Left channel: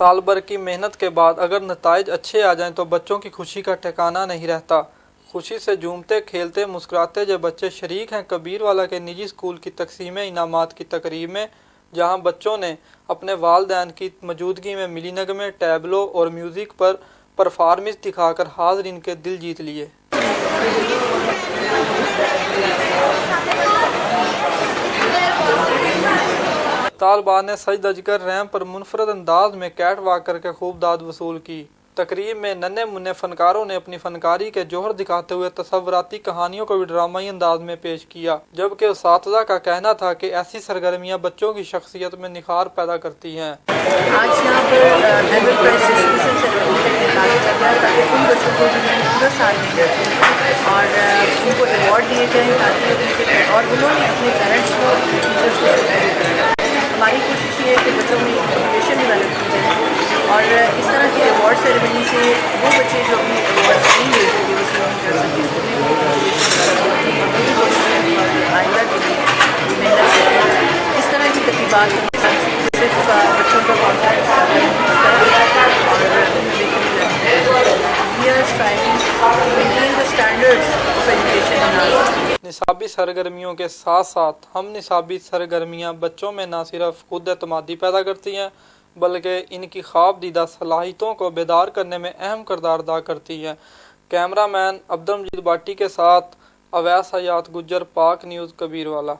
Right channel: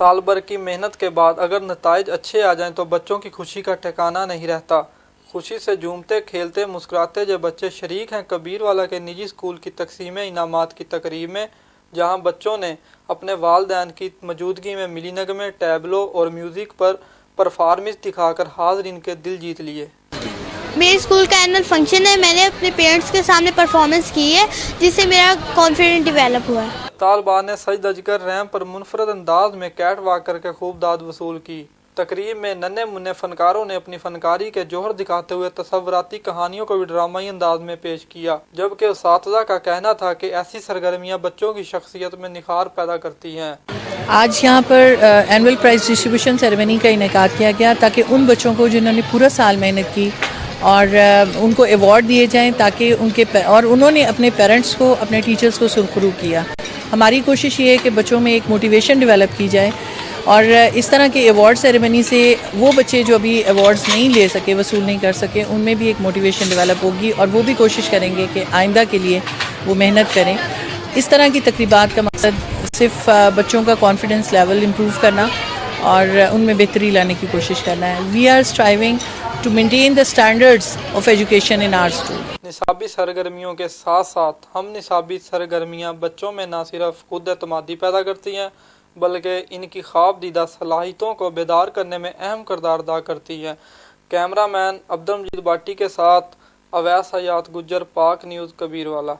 साल भर की मेहनत के बाद अगर नताइज अच्छे आ जाएं तो बच्चों की खुशी का ठिकाना नहीं रहता। खुशी से झूमते खेलते मुस्कुराते जो बच्चे शरीक हैं कबीरवाला के निजी स्कूल की तकसीम इनामात की तकरीब में, जहां बच्चों ने अपने वालिदैन की मौजूदगी में मिली नगमे, टैबलो और म्यूज़िक पर परफॉर्मेंस दिखाकर हाज़रीन के दिल जीत लिए। मेरे स्कूल का एनुअल फंक्शन है, मैंने अपने पेरेंट्स के सामने परफॉर्मेंस की है जिससे मेरा कॉन्फिडेंस डेवलप हुआ। तालबान ने सज धज कर रैंप पर मुनफरद अंदाज में कैट वॉक करके खूब दाद वसूल की। तकरीब में नन्हे मुन्ने फनकारों ने अपनी फनकारी के जौहर दिखाते हुए तसव्वुराती कहानियों को भी ड्रामाई अंदाज में पेश किया, जबकि उस्तादा का कहना था कि ऐसी सरगर्मियां बच्चों की शख्सियत में निखार पैदा करती हैं। आज यहाँ पर एनुअल प्राइज़ डिस्ट्रीब्यूशन सेरेमनी का इनेकाद किया गया ताकि उन बच्चों को जिन्होंने पूरा साल मेहनत की और उनको अवार्ड दिए जाएं, ताकि उन्होंने अपने पेरेंट्स को, अपने टीचर्स को सुरखरू किया। हमारी कोशिश ये है कि बच्चों में एक मोटिवेशन डेवलप की जाए और इस तरह के अवार्ड सेरेमनी से वो बच्चे जो अभी अवार्ड्स नहीं ले सके, वसूल नहीं कर सके, उनमें भी एक मोटिवेशन डेवलप होगी और वो भी कोशिश करेंगे कि आइंदा के लिए वो मेहनत करें। इस तरह की तकरीबात का मकसद सिर्फ बच्चों का कॉन्फिडेंस लेवल इम्प्रूव करना और उनमें बेहतरी लाने की कोशिश करना है। We are striving to maintain the standards of education in our school. निसाबी सरगर्मियों के साथ साथ हम निसाबी सरगर्मियां बच्चों में न सिर्फ खुद एतमादी पैदा करती हैं बल्कि इनकी ख्वाब दीदा सलाहियतों को बेदार करने में अहम किरदार अदा करती हैं। कैमरामैन अब्दुल मजीद बाटी के साथ अवैस हयात गुज्जर, पाक न्यूज़, कबीरवाला।